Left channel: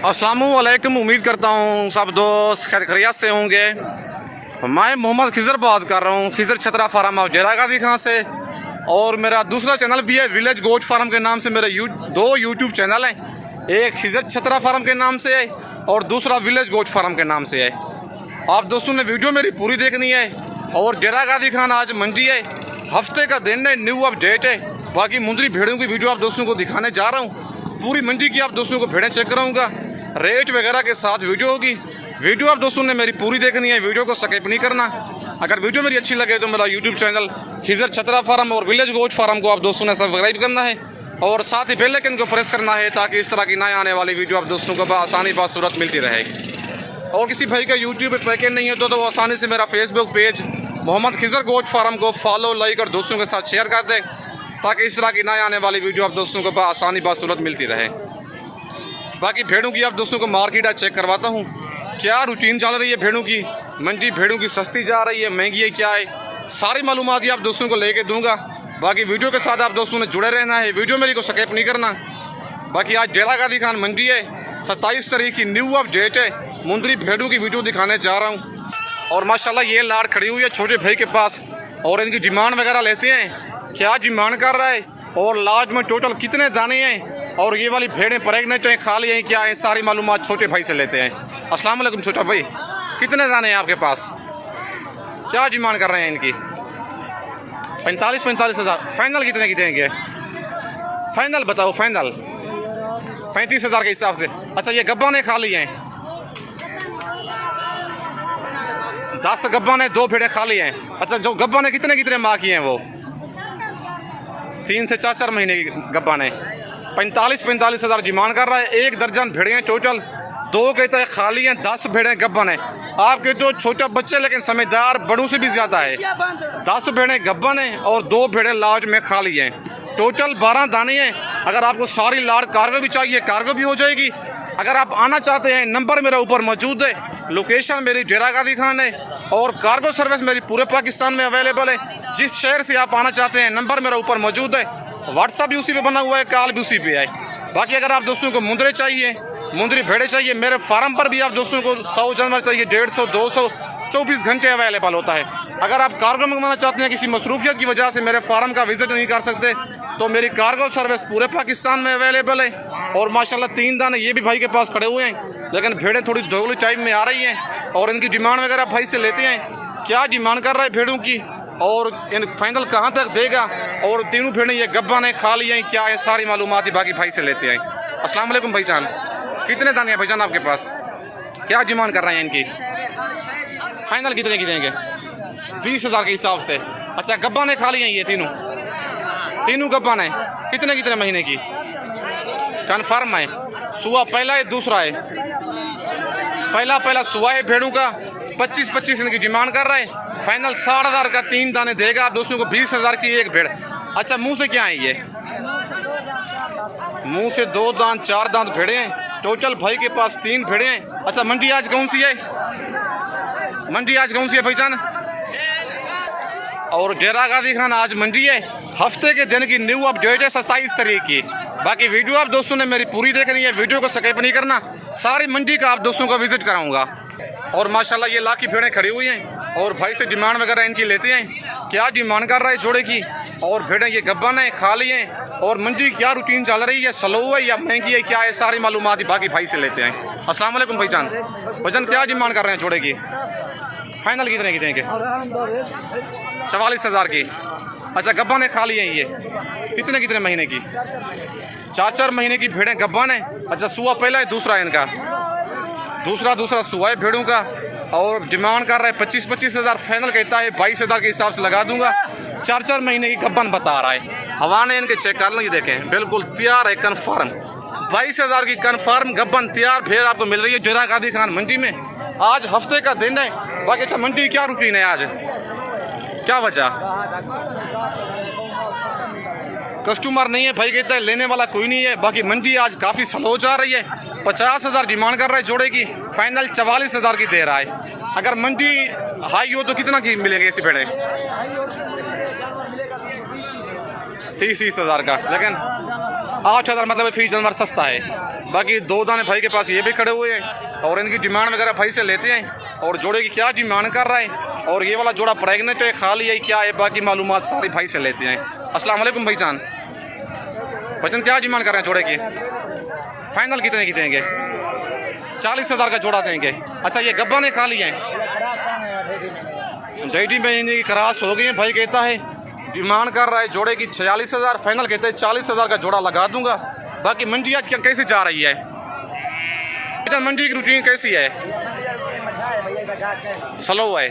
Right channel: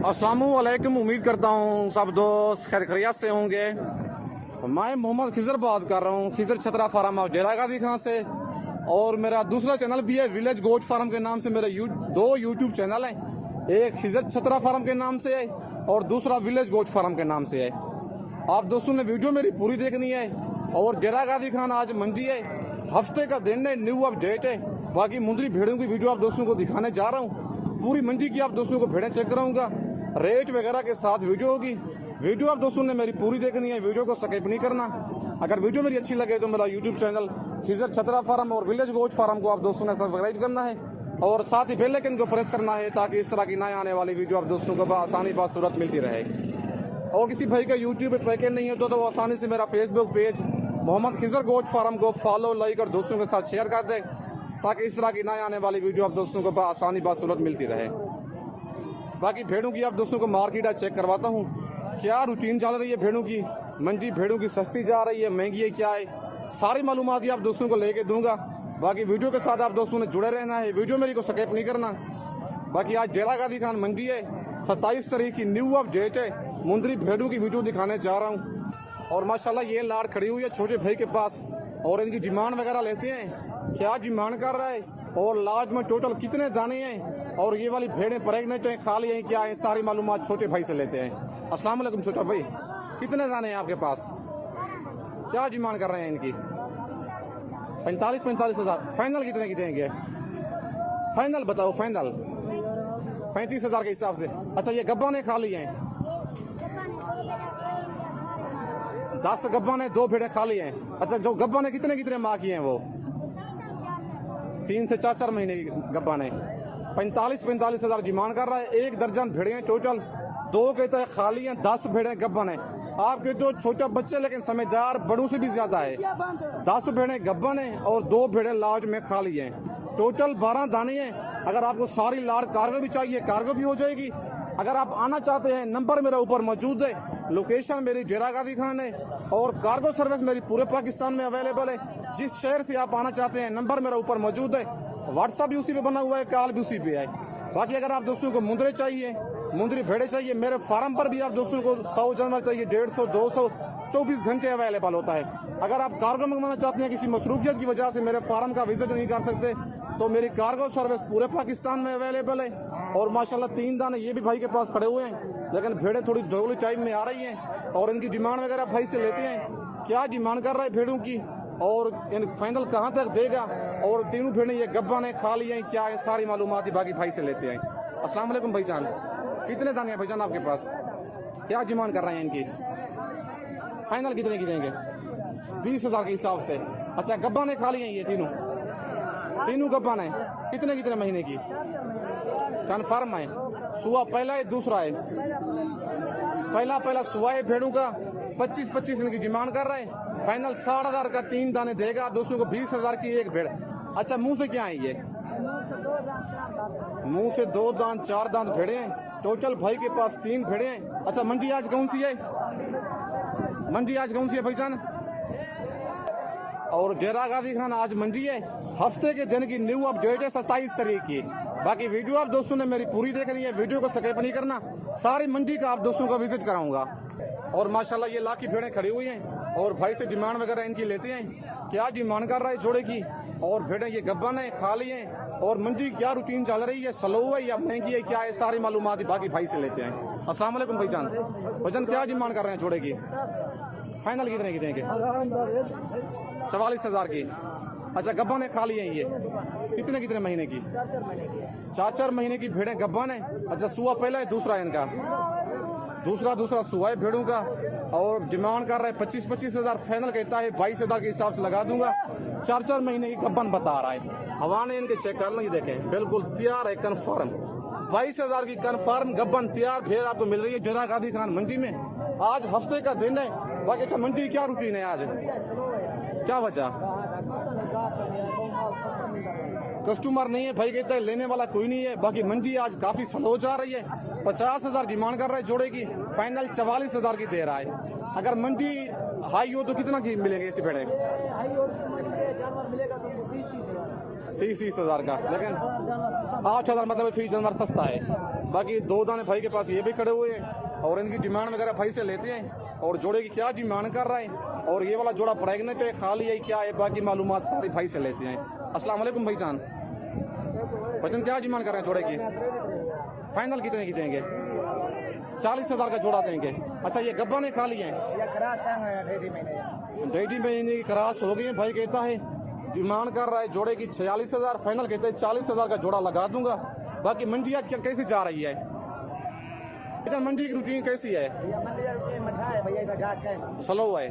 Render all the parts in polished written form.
अस्सलामुअलैकुम। उम्मीद करता हूँ सब दोस्त खैरियत से होंगे। मैं मोहम्मद खिज़र बात कर रहा हूँ, खिज़र छतरा फार्म ऑफ डेरा गाजी खां से। और मेरा दूसरा चैनल भी है विलेज गोट फार्म के नाम से। मेरे दो यूट्यूब चैनल हैं, एक खिज़र छतरा फार्म के नाम से है और दूसरा विलेज गोट फार्म के नाम से है। आप दोस्तों ने वीडियो मेरी पूरी देखनी है। और डेरा गाजी खान आज मंडी है, हफ्ते का दिन है, न्यू अपडेट है। बाकी मुंदरी भेड़ों की वीडियो आप दोस्तों को दिखाने जा रहा हूँ। पूरी मंडी की आप दोस्तों को भेड़ें चेक कराऊंगा, रेट वगैरह के साथ वीडियो होगी। वीडियो आप दोस्तों ने मेरी पूरी देखनी है, वीडियो को स्किप नहीं करना। अगर वीडियो मेरी अच्छी लगे तो मेरा यूट्यूब चैनल खिज़र छतरा फार्म और विलेज गोट फार्म को आप दोस्तों ने सब्सक्राइब करना है और साथ ही बेल आइकन को प्रेस करना है, ताकि इस तरह की नए आने वाली वीडियो आप दोस्तों को आसानी बासूरत मिलती रहे। और किसी भाई का यूट्यूब पर पैकेट नहीं है तो आसानी से मेरा Facebook page Mohammad Khizar goat farm को फॉलो, लाइक और दोस्तों के साथ शेयर कर दें, ताकि इस तरह की नए आने वाली वीडियो आप दोस्तों को आसानी बासूरत मिलती रहे। बाकी भेड़ों की आप दोस्तों को मार्केट आज चेक करवाता हूँ, क्या रूटीन चल रही है भेड़ों की। मंडी भेड़ों की सस्ती जा रही है, महंगी है, क्या है, सारी मालूमात आप दोस्तों को लेके दूंगा। बाकी वीडियो के साथ आप दोस्तों ने जुड़े रहना है, वीडियो मेरी को स्किप नहीं करना। बाकी आज डेरा गाजी खान मंडी है, 27 तारीख की न्यू अपडेट है। मुंदरी भेड़ों की वीडियो दिखाने जा रहा हूँ। और माशाल्लाह ये लाड़ खड़ी हुई है छोटे भाई के पास, और इनकी डिमांड वगैरह लेते हैं, क्या डिमांड कर रहा है और लाज में टोटल कितने दाने हैं, और ये वाली भेड़ें प्रेग्नेंट हैं, खाली हैं, क्या है, सारी मालूमात छोटे भाई से लेते हैं। अस्सलाम वालेकुम छोटा भाई, कितने दाने हैं आपके पास, क्या डिमांड कर रहे हैं इनकी? 45 हज़ार। फाइनल कितने की देंगे? फाइनल बताओ, फाइनल 35 हज़ार के हिसाब से। अच्छा, ये गब्बा ने खाली हैं, 10 गब्बा ने, 2 भेड़ें खाली हैं। अच्छा, जो गब्बा ने कितने माह की हैं वो? 3 से 4 महीने की गब्बा ने। 45 हज़ार डिमांड कर रहा है। 1 दर्जन भेड़ें हैं टोटल, 2 कहते हैं खाली हैं, 10 भेड़ें गब्बन है। आप कहते हो छोटे बच्चे लेकिन समझदार, बड़ों से भी ज़्यादा है। 10 भेड़ें गब्बन हैं और 2 भेड़ें लाज में खाली हैं। टोटल 12 दाने हैं। अगर आपको सारी लाड़ कार्गो भी चाहिए, कार्गो भी हो जाएगी। अगर आप आना चाहते हैं, नंबर मेरा ऊपर मौजूद है, लोकेशन मेरी डेरा गाजी खान है और कार्गो सर्विस मेरी पूरे पाकिस्तान में अवेलेबल है। जिस शहर से आप आना चाहते हैं, नंबर मेरा ऊपर मौजूद है, व्हाट्सअप भी उसी पे बना हुआ है, कॉल भी उसी पे है। बाकी अगर आप दोस्तों को मुंदरे चाहिए, मुंदरी भेड़े चाहिए, मेरे फार्म पर भी आप दोस्तों को 100 जानवर चाहिए, 150, 200, 24 घंटे अवेलेबल होता है। अगर आप कार्गो मंगवाना चाहते हैं, किसी मसरूफियत की वजह से मेरे फार्म का विजिट नहीं कर सकते, तो मेरी कार्गो सर्विस पूरे पाकिस्तान में अवेलेबल है। और माशाल्लाह 3 दाने ये भी भाई के पास खड़े हुए हैं, लेकिन भेड़ें थोड़ी धोली टाइम में आ रही हैं और इनकी डिमांड वगैरह भाई से लेते हैं, क्या डिमांड कर रहा है भेड़ों की और इन फाइनल कहाँ तक देगा, और तीनों भेड़ें ये गब्बा ने खाली हैं, क्या है, सारी मालूमात ही बाकी भाई से लेते हैं। अस्सलाम वालेकुम भाईजान, कितने दाने हैं भाईजान आपके पास, क्या डिमांड कर रहे हैं इनकी? फाइनल कितने की देंगे? 20 हज़ार के हिसाब से। अच्छा, गब्बा ने खाली हैं ये तीनों गब्बा ने, कितने महीने की? कन्फर्म है, सुआ पहला है, दूसरा है, पहला सुआ है भेड़ों का। 25 इनकी डिमांड कर रहा है। फाइनल 60,000 का 3 दाने देगा आप दोस्तों को, 20 हज़ार की 1 भेड़। अच्छा, मुंह से क्या है ये? मुंह से 2 दांत 4 दांत भेड़े हैं। टोटल भाई के पास 3 भेड़े हैं। अच्छा, मंडी आज कौन सी है? मंडी आज कौन सी है भाईजान? और डेरा गाजी खान आज मंडी है, हफ्ते के दिन की न्यू अपडेट है, 27 तारीख की। बाकी वीडियो आप दोस्तों ने मेरी पूरी देखनी है, वीडियो को स्किप नहीं करना, सारी मंडी का आप दोस्तों को विजिट कराऊंगा। और माशाल्लाह ये लाख की भेड़ें खड़ी हुई हैं और भाई से डिमांड वगैरह इनकी लेते हैं, क्या डिमांड कर रहा है जोड़े की। और भेड़ें ये गब्बन है, खाली हैं, और मंडी क्या रूटीन चल रही है, स्लो है या महंगी है, क्या है, सारी मालूमात ही बाकी भाई से लेते हैं। अस्सलाम वालेकुम भाईजान, क्या डिमांड कर रहे हैं जोड़े की? फाइनल कितने की देंगे? 44 हज़ार की। अच्छा, गब्बा ने खाली हैं ये, कितने महीने की? 4 महीने की भेड़ें गब्बन है। अच्छा, सुआ पहला है, दूसरा है इनका, दूसरा सुआ है भेड़ों का। और डिमांड कर रहा है 25 हज़ार, फाइनल कहता है 22 हज़ार के हिसाब से लगा दूंगा। 4 महीने की गब्बन बता रहा है। हवा ने इनके चेक कर लेंगे, देखें बिल्कुल तैयार है, कन्फर्म 22 हज़ार की कन्फर्म गब्बन तैयार भेड़ आपको मिल रही है डेरा गाजी खान मंडी में। आज हफ्ते का दिन है। बाकी अच्छा, मंडी क्या रूटीन है आज, क्या वजह? कस्टमर नहीं है भाई, कहता है लेने वाला कोई नहीं है। बाकी मंडी आज काफ़ी स्लो जा रही है। 50 हज़ार डिमांड कर रहा है जोड़े की, फाइनल 44 हज़ार की दे रहा है। अगर मंडी हाई हो तो कितना की मिलेंगे ऐसी भेड़ें? 30 हज़ार का, लेकिन 8,000 मतलब फी जानवर सस्ता है। बाकी 2 दाने भाई के पास ये भी खड़े हुए हैं और इनकी डिमांड वगैरह भाई से लेते हैं और जोड़े की क्या डिमांड कर रहा है और ये वाला जोड़ा प्रेगनेंट है खाली है क्या है, बाकी मालूमात सारी भाई से लेते हैं। अस्सलाम वालेकुम भाईजान, भाईजान क्या डिमांड कर रहे हैं जोड़े की? फाइनल कितने की देंगे? 40,000 का जोड़ा देंगे। अच्छा ये गब्बा ने खाली है, डेटी में इनकी क्रास हो गई है। भाई कहता है डिमांड कर रहा है जोड़े की 46,000, फाइनल कहते हैं 40,000 का जोड़ा लगा दूंगा। बाकी मंडी आज क्या कैसे जा रही है? बेटा मंडी की रूटीन कैसी है? स्लो है,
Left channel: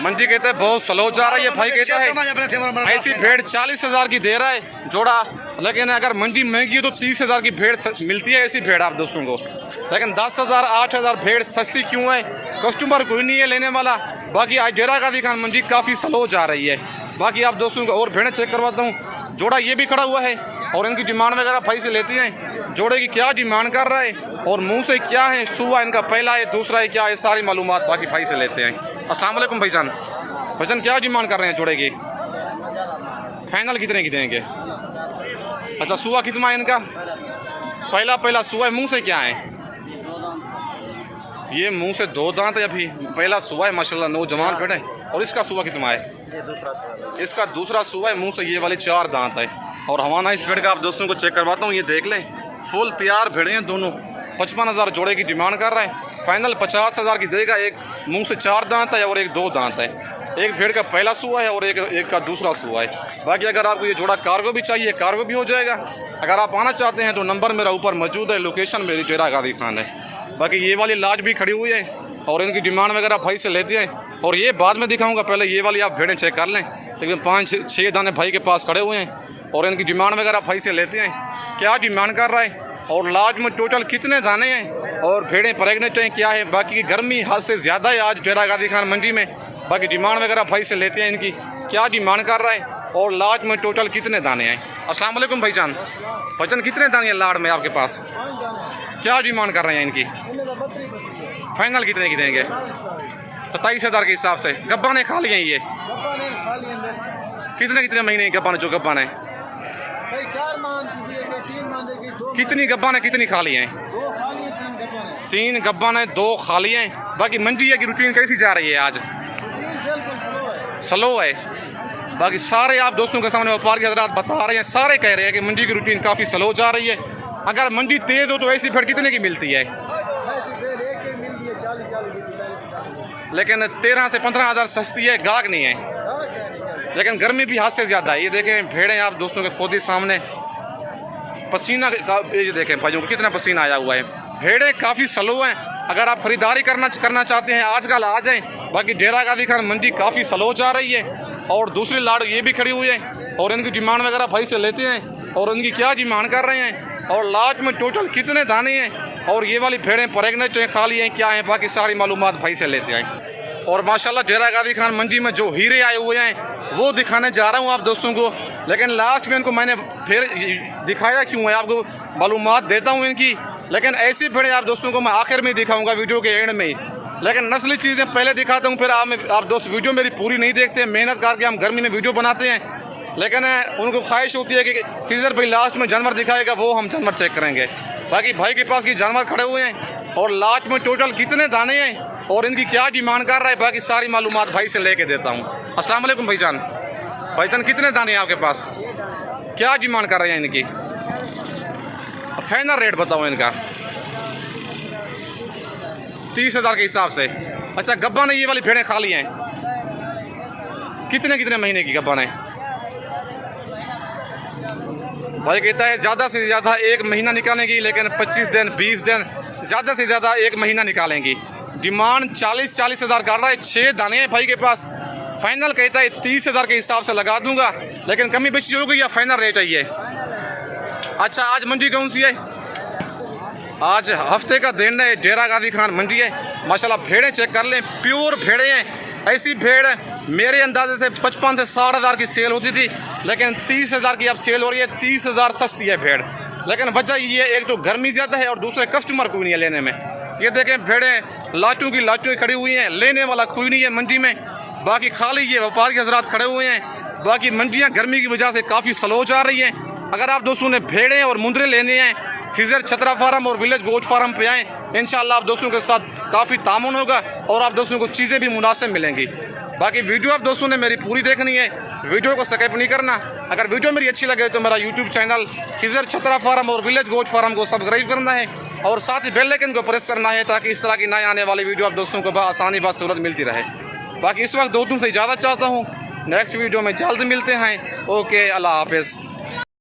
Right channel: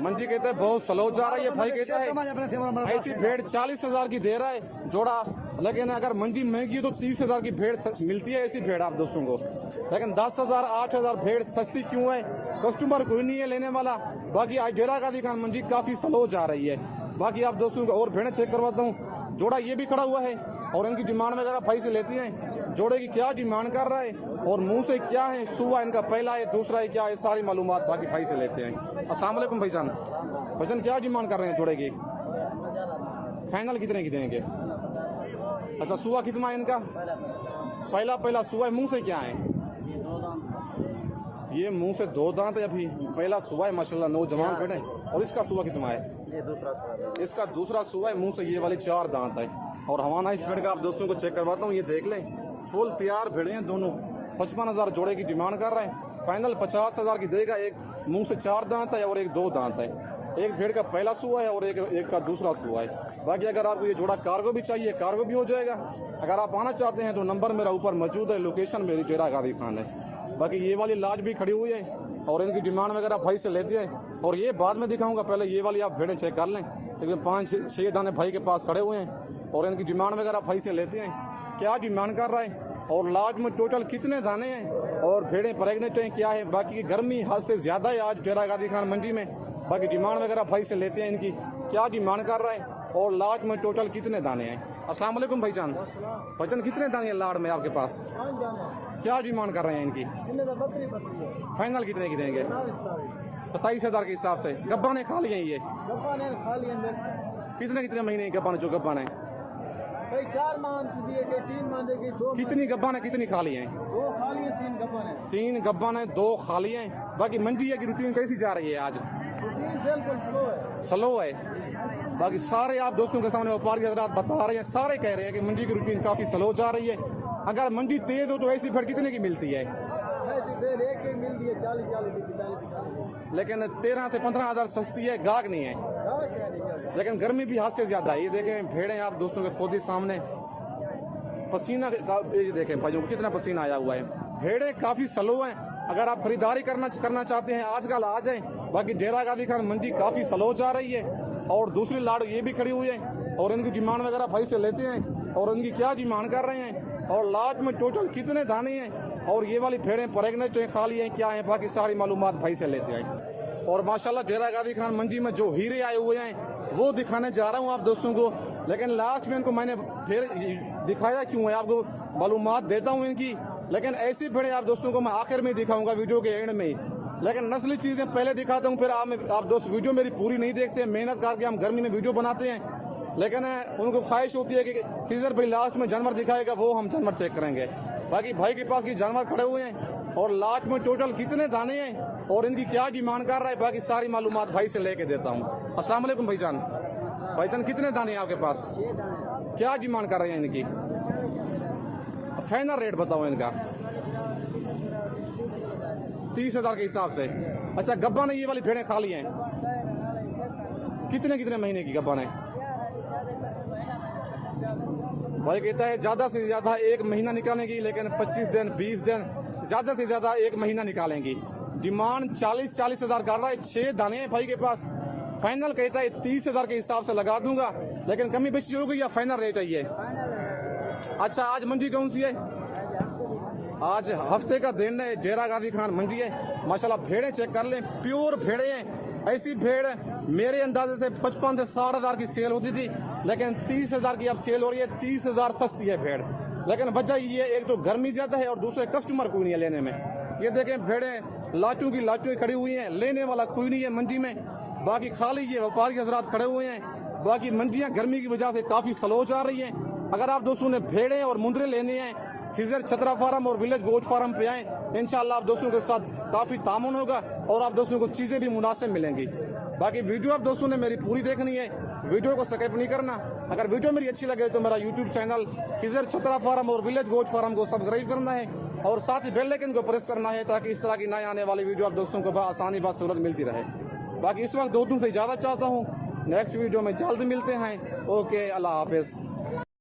मंडी कहते हैं बहुत स्लो जा रही है। भाई कहता है ऐसी भेड़ 40,000 की दे रहा है जोड़ा, लेकिन अगर मंडी महंगी है तो 30,000 की भेड़ मिलती है ऐसी भेड़ आप दोस्तों को। लेकिन 10,000 8,000 भेड़ सस्ती क्यों है? कस्टमर कोई नहीं है लेने वाला। बाकी आज डेरा गाजी खान मंडी काफ़ी स्लो जा रही है। बाकी आप दोस्तों को और भेड़ें चेक करवाता हूँ। जोड़ा ये भी खड़ा हुआ है और इनकी डिमांड वगैरह भाई से लेती हैं। जोड़े की क्या डिमांड कर रहा है और मुंह से क्या है, सुबह इनका पहला है दूसरा है क्या है, सारी मालूमात बाकी भाई से लेते हैं। अस्सलाम वालेकुम भाईजान, भाईजान क्या डिमांड कर रहे हैं जोड़े की? फाइनल कितने की देंगे? अच्छा सुबह कितना है इनका? पहला सुबह मुंह से क्या है? ये मुंह से 2 दांत है, अभी पहला सुबह है माशाल्लाह नौजवान भेड़ है। और इसका सुबह कितना है? इसका दूसरा सुबह है, मुंह से ये वाली 4 दांत है। और हमारा इस भेड़ का आप दोस्तों को चेक करवाता हूँ, ये देख लें फुल तैयार भेड़े हैं दोनों। 55,000 जोड़े की डिमांड कर रहा है, फाइनल 50,000 की देगा। एक मुंह से 4 दांत है और एक 2 दांत है। एक भेड़ का पहला सुबह है और एक का दूसरा सुबह है। बाकी अगर आपको ये जोड़ा कार्गो भी चाहिए कार्गो भी हो जाएगा। अगर आप आना चाहते हैं तो नंबर मेरा ऊपर मौजूद है, लोकेशन मेरी डेरा गाजी खान है। बाकी ये वाली लाज भी खड़ी हुई है और इनकी डिमांड वगैरह भाई से लेते हैं और ये बाद में दिखाऊंगा, पहले ये वाली आप भेड़ें चेक कर लें। लेकिन 5-6 दाने भाई के पास खड़े हुए हैं और इनकी डिमांड वगैरह भाई से लेते हैं। क्या डिमांड कर रहा है और लाज में टोटल कितने दाने हैं और भेड़ें प्रेगनेंट हैं क्या है। बाकी की गर्मी हद से ज़्यादा है आज डेरा गाजी खान मंडी में। बाकी डिमांड वगैरह भाई से लेते हैं इनकी क्या डिमांड कर रहा है और लाज में टोटल कितने दाने हैं। अस्सलाम वालेकुम भाईजान, भाईजान कितने दाने हैं लाड़ में आपके पास? क्या डिमांड कर रहे हैं इनकी? फाइनल कितने की देंगे? 27,000 के हिसाब से। गब्बा ने खा लिए ये? कितने महीने की गब्बा ने? जो गब्बा ने 4 मान कीजिए, 3 मान देगी, 2 कितनी गब्बा ने कितनी खा ली हैं? 2 खा लिए, 3 गब्बा ने। 3 गब्बा ने 2 खा लिए हैं। बाकी मंडी की रूटीन कैसी जा रही है आज? बिल्कुल स्लो है। बाकी सारे आप दोस्तों के सामने व्यापारी हजरात बता रहे हैं, सारे कह रहे हैं कि मंडी की रूटीन काफ़ी स्लो जा रही है। अगर मंडी तेज हो तो ऐसी भेड़ कितने की मिलती है? लेकिन 13 से 15,000 सस्ती है, गाहक नहीं है। लेकिन गर्मी भी हाथ से ज़्यादा है। ये देखें भेड़ें आप दोस्तों के खुद ही सामने, पसीना ये देखें भाइयों को कितना पसीना आया हुआ है। भेड़ें काफ़ी स्लो हैं। अगर आप खरीदारी करना चाहते हैं आजकल आ जाएँ। बाकी डेरा गाजी खान मंडी काफ़ी स्लो जा रही है और दूसरी लाड़ ये भी खड़ी हुई है और इनकी डिमांड वगैरह भाई से लेते हैं और इनकी क्या डिमांड कर रहे हैं और लास्ट में टोटल कितने दाने हैं और ये वाली भेड़ें प्रेगनेंट हैं खाली हैं क्या हैं, बाकी सारी मालूमात भाई से लेते हैं। और माशाल्लाह डेरा गाजी खान मंडी में जो हीरे आए हुए हैं वो दिखाने जा रहा हूँ आप दोस्तों को। लेकिन लास्ट में इनको मैंने फिर दिखाया क्यों है, आपको मालूमात देता हूँ इनकी। लेकिन ऐसी भेड़ें आप दोस्तों को मैं आखिर में दिखाऊँगा वीडियो के एंड में ही। लेकिन नस्ली चीज़ें पहले दिखाता हूँ, फिर आप दोस्त वीडियो मेरी पूरी नहीं देखते। मेहनत करके हम गर्मी में वीडियो बनाते हैं, लेकिन उनको ख्वाहिश होती है कि किधर भाई लास्ट में जानवर दिखाएगा वो हम जानवर चेक करेंगे। बाकी भाई के पास ये जानवर खड़े हुए हैं और लास्ट में टोटल कितने दाने हैं और इनकी क्या डिमांड कर रहा है, बाकी सारी मालूमात भाई से लेके देता हूँ। अस्सलाम वालेकुम भाईजान, भाईजान कितने दाने हैं आपके पास? क्या डिमांड कर रहे हैं इनकी? फाइनल रेट बताओ इनका। 30,000 के हिसाब से। अच्छा गब्बा ने ये वाली भेड़ें खा ली हैं? कितने महीने की गब्बा ने? भाई कहता है ज़्यादा से ज़्यादा 1 महीना निकालेंगी, लेकिन 25 दिन 20 दिन ज़्यादा से ज़्यादा 1 महीना निकालेंगी। डिमांड 40,000 कर रहा है। 6 दाने हैं भाई के पास। फाइनल कहता है 30,000 के हिसाब से लगा दूंगा, लेकिन कमी बेशी होगी या फाइनल रेट है ये? अच्छा आज मंडी कौन सी है? आज हफ्ते का दिन है, डेरा गाजी खान मंडी है। माशाल्लाह भेड़ें चेक कर लें, प्योर भेड़ें हैं। ऐसी भेड़ मेरे अंदाजे से 55 से 60,000 की सेल होती थी, लेकिन 30,000 की अब सेल हो रही है। 30,000 सस्ती है भेड़। लेकिन वजह ये एक तो गर्मी ज़्यादा है और दूसरे कस्टमर कोई नहीं है लेने में। ये देखें भेड़ें लाटू की लाटू खड़ी हुई हैं, लेने वाला कोई नहीं है मंडी में। बाकी खाली ये व्यापारी हजरात खड़े हुए हैं। बाकी मंडियाँ गर्मी की वजह से काफ़ी स्लो जा रही हैं। अगर आप दोस्तों ने भेड़ें और मुंदरे लेने हैं, खिजर छतरा फार्म और विलेज गोट फार्म पे आएँ, इंशाल्लाह आप दोस्तों के साथ काफ़ी तामुन होगा और आप दोस्तों को चीज़ें भी मुनासिब मिलेंगी। बाकी वीडियो आप दोस्तों ने मेरी पूरी देखनी है, वीडियो को स्किप नहीं करना। अगर वीडियो मेरी अच्छी लगे तो मेरा यूट्यूब चैनल खिजर छतरा फार्म और विलेज गोट फार्म को सब्सक्राइब करना है और साथ ही बेल आइकन को प्रेस करना है ताकि इस तरह की नए आने वाली वीडियो आप दोस्तों को आसानी सहूलत मिलती रहे। बाकी इस वक्त दोस्तों से इजाज़त चाहता हूँ, नेक्स्ट वीडियो में जल्द मिलते हैं। ओके, अल्लाह हाफिज़।